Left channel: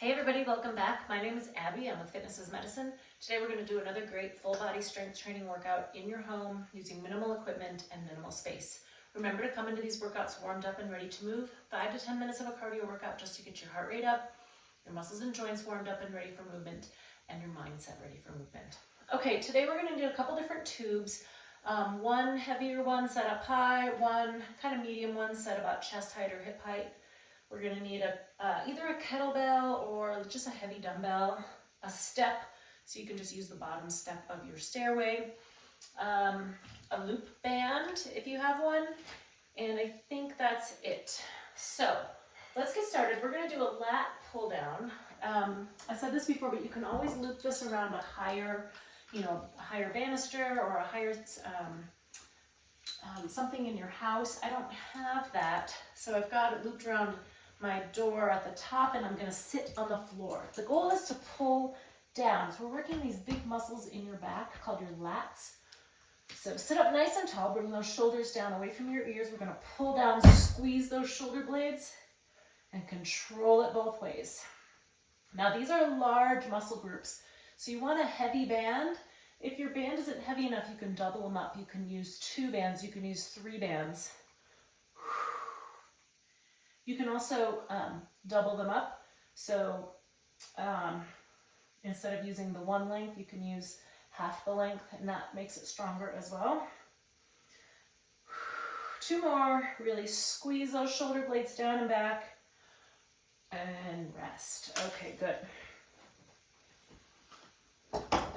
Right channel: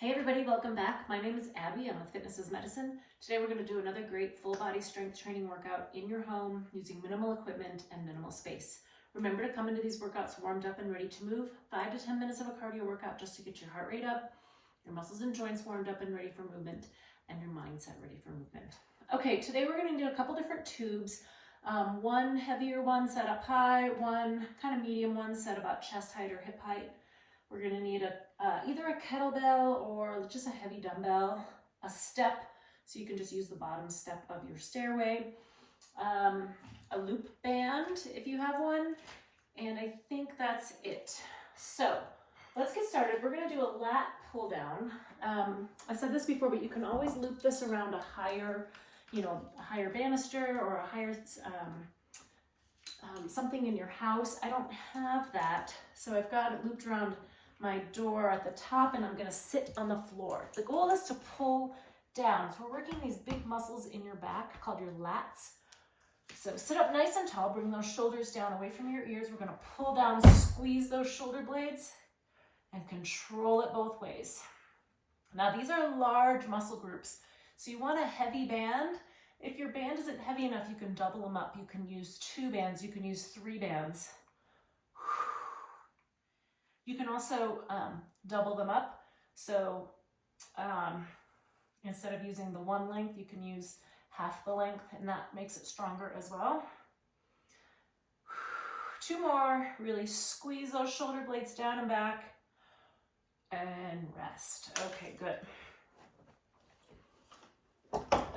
Hey everybody, welcome back. My name is Abby. I'm with Fitness is Medicine. Today we're going to do another great full body strength training workout in your home using minimal equipment and minimal space. Remember to come into these workouts warmed up and ready to move. 5 to 10 minutes of a cardio workout just to get your heart rate up, your muscles and joints warmed up and ready for movement, and your mindset ready for movement. Okay, today we're going to do a couple different tubes. One heavier one set up high, one kind of medium one set about chest height or hip height. We're going to need either a kettlebell or just a heavy dumbbell, a step, so you can just use the bottom step of your stairway, a loop band if you have one, and I think that's it. So let's get started. We're going to do a lat pull down. I said this before, but you can always loop this around a higher banister or a higher something in your house. I don't have that, so I've got it looped around my door at the top, and I'm going to sit on the floor. The goal is to pull down. So we're working these big muscles in your back called your lats. So sit up nice and tall, bring those shoulders down away from your ears. We're going to pull down, squeeze those shoulder blades, and control it both ways. Now these are large muscle groups, so you want a heavy band. If your band isn't heavy enough, you can double them up. You can use 2 bands, you can use 3 bands. You can also double them up. So instead of using the one length, you can use half the length, and that makes it stronger as well. 2 more. Really squeeze those shoulder blades down and back, and rest. Okay, good.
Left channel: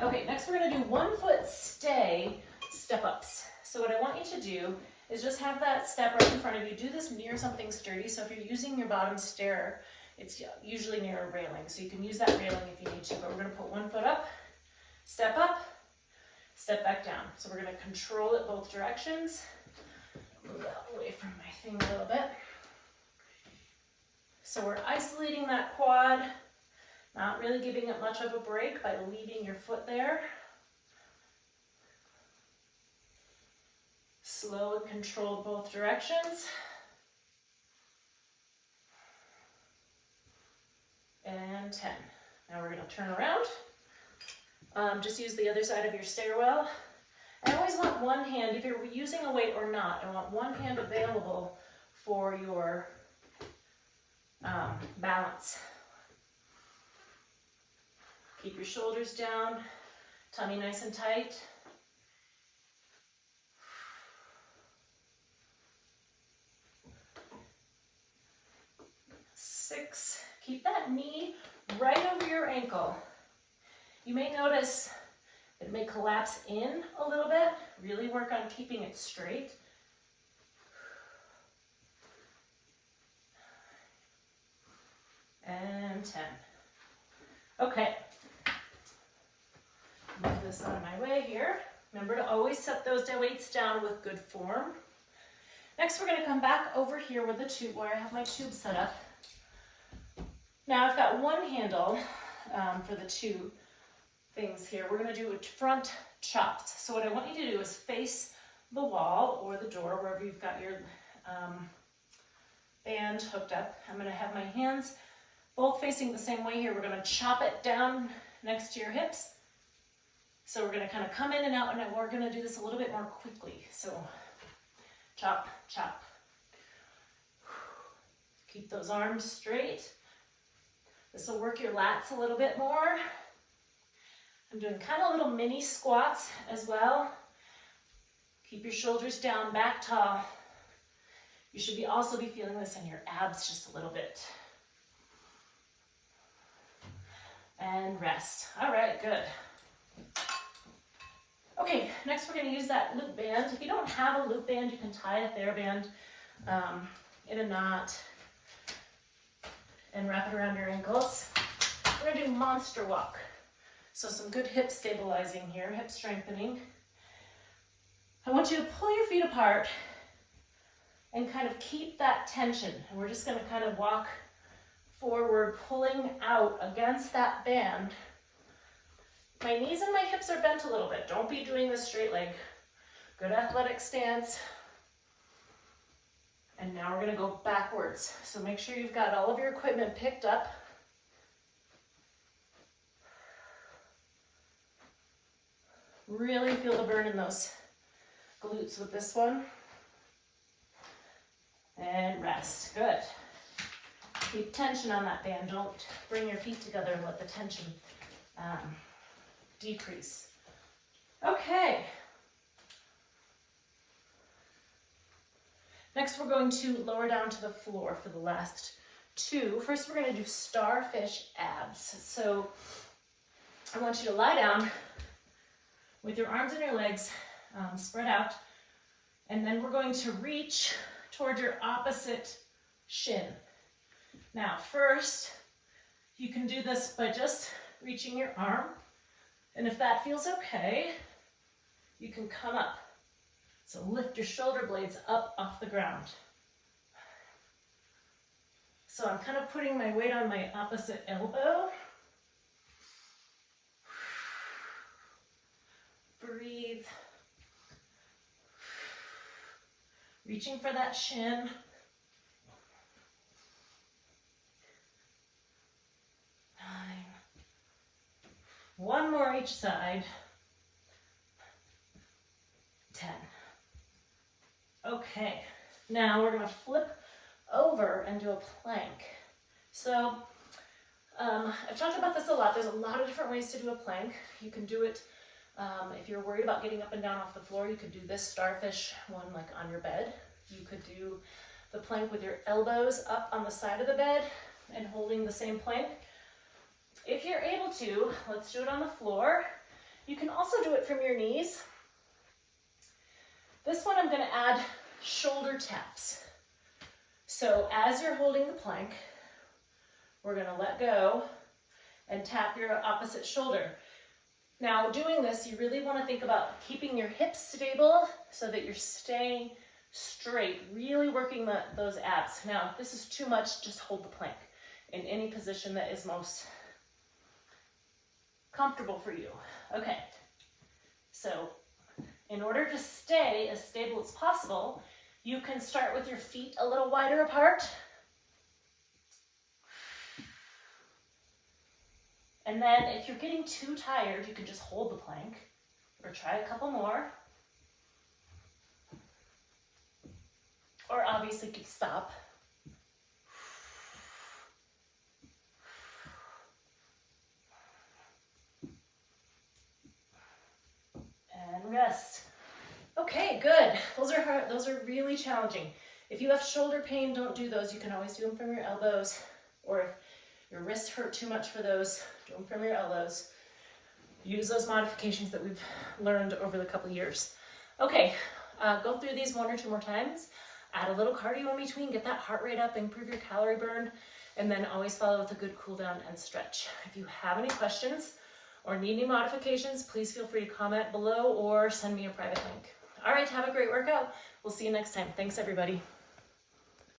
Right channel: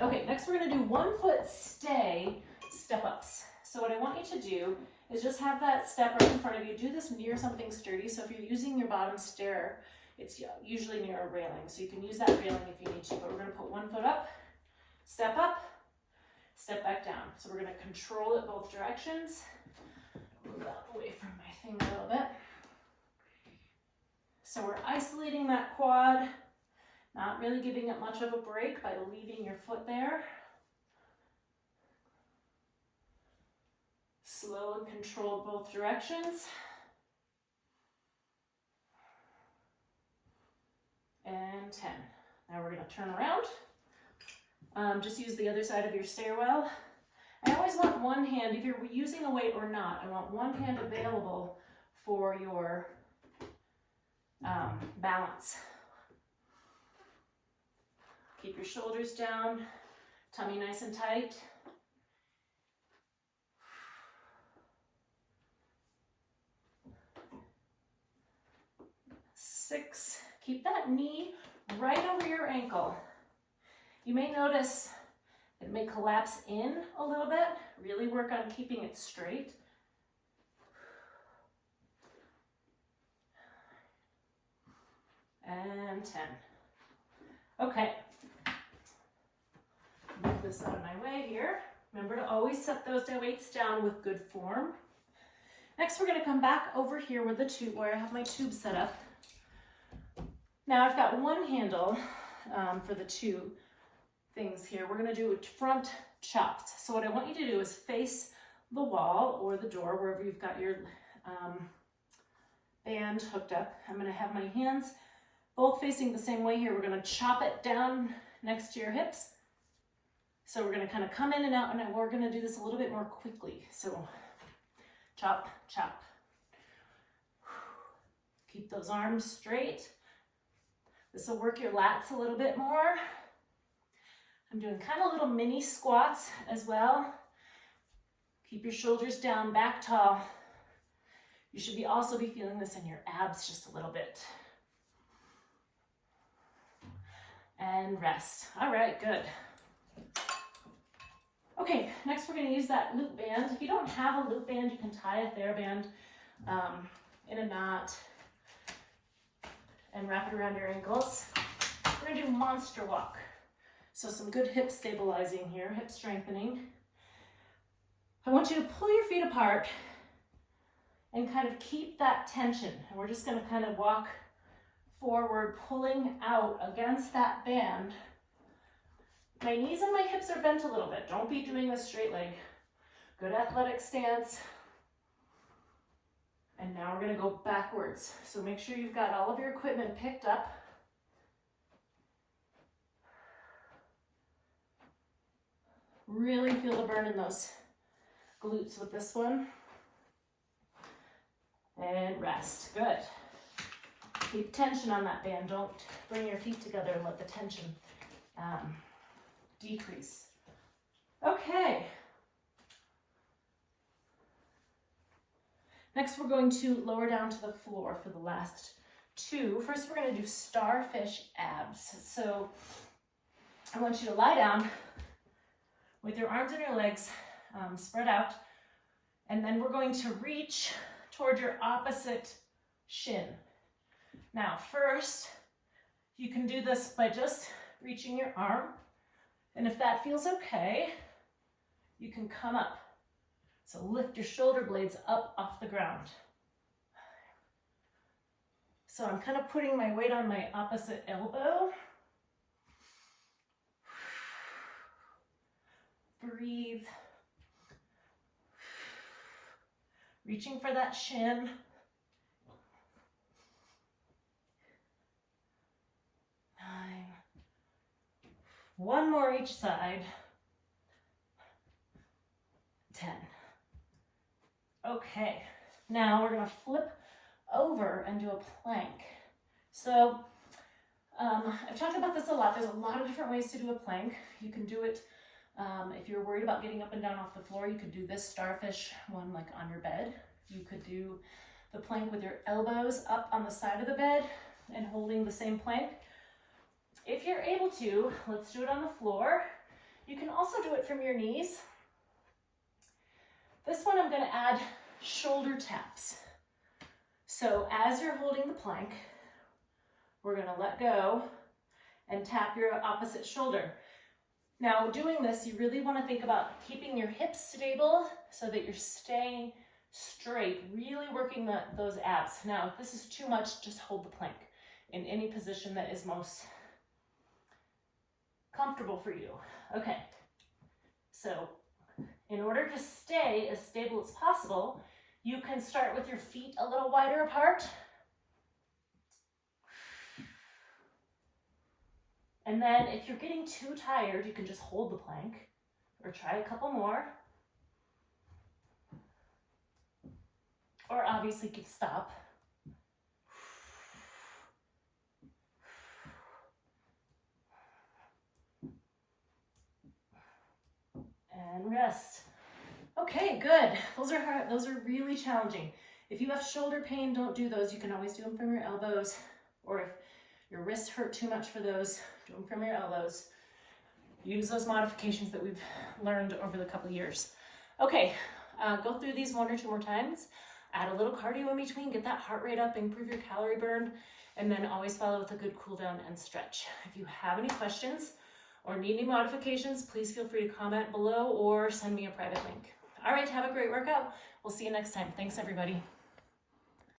Okay, next we're going to do 1 foot stay step ups. So what I want you to do is just have that step right in front of you. Do this near something sturdy. So if you're using your bottom stair, it's usually near a railing. So you can use that railing if you need to, but we're going to put 1 foot up, step back down. So we're going to control it both directions. Move that away from my thing a little bit. So we're isolating that quad, not really giving it much of a break by leaving your foot there. Slow and controlled both directions. And 10. Now we're going to turn around. Just use the other side of your stairwell. I always want one hand, if you're using a weight or not, I want one hand available for your balance. Keep your shoulders down, tummy nice and tight. 6. Keep that knee right over your ankle. You may notice it may collapse in a little bit. Really work on keeping it straight. And 10. Okay. Move this out of my way here. Remember to always set those weights down with good form. Next, we're going to come back over here where I have my tube set up. Now I've got one handle for the 2 things here. We're going to do front chops. So what I want you to do is face the wall or the door, wherever you've got your band hooked up. I'm going to have my hands both facing the same way here. We're going to chop it down next to your hips. So we're going to kind of come in and out, and we're going to do this a little bit more quickly. So chop, chop. Keep those arms straight. This will work your lats a little bit more. I'm doing kind of little mini squats as well. Keep your shoulders down, back tall. You should also be feeling this in your abs just a little bit. And rest. All right, good. Okay, next we're going to use that loop band. If you don't have a loop band, you can tie a TheraBand in a knot and wrap it around your ankles. We're going to do monster walk. So some good hip stabilizing here, hip strengthening. I want you to pull your feet apart and kind of keep that tension. And we're just going to kind of walk forward, pulling out against that band. My knees and my hips are bent a little bit. Don't be doing this straight leg. Good athletic stance. And now we're going to go backwards. So make sure you've got all of your equipment picked up. Really feel the burn in those glutes with this one. And rest. Good. Keep tension on that band. Don't bring your feet together and let the tension decrease. Okay. Next, we're going to lower down to the floor for the last two. First, we're going to do starfish abs. So I want you to lie down with your arms and your legs spread out, and then we're going to reach toward your opposite shin. Now, first, you can do this by just reaching your arm, and if that feels okay, you can come up. So lift your shoulder blades up off the ground. So I'm kind of putting my weight on my opposite elbow. Breathe. Reaching for that shin. One more each side. 10. Okay, now we're gonna flip over and do a plank. So I've talked about this a lot. There's a lot of different ways to do a plank. You can do it, if you're worried about getting up and down off the floor, you could do this starfish one like on your bed. You could do the plank with your elbows up on the side of the bed and holding the same plank. If you're able to, let's do it on the floor. You can also do it from your knees. This one I'm going to add shoulder taps. So as you're holding the plank, we're going to let go and tap your opposite shoulder. Now doing this, you really want to think about keeping your hips stable so that you're staying straight, really working those abs. Now if this is too much, just hold the plank in any position that is most comfortable for you. Okay, so in order to stay as stable as possible, you can start with your feet a little wider apart. And then if you're getting too tired, you can just hold the plank or try a couple more. Or obviously you could stop. And rest. Okay, good. Those are really challenging. If you have shoulder pain, don't do those. You can always do them from your elbows, or if your wrists hurt too much for those, do them from your elbows. Use those modifications that we've learned over the couple years. Okay, go through these one or two more times. Add a little cardio in between, get that heart rate up, improve your calorie burn, and then always follow with a good cool down and stretch. If you have any questions or need any modifications, please feel free to comment below or send me a private link. All right, have a great workout. We'll see you next time. Thanks, everybody.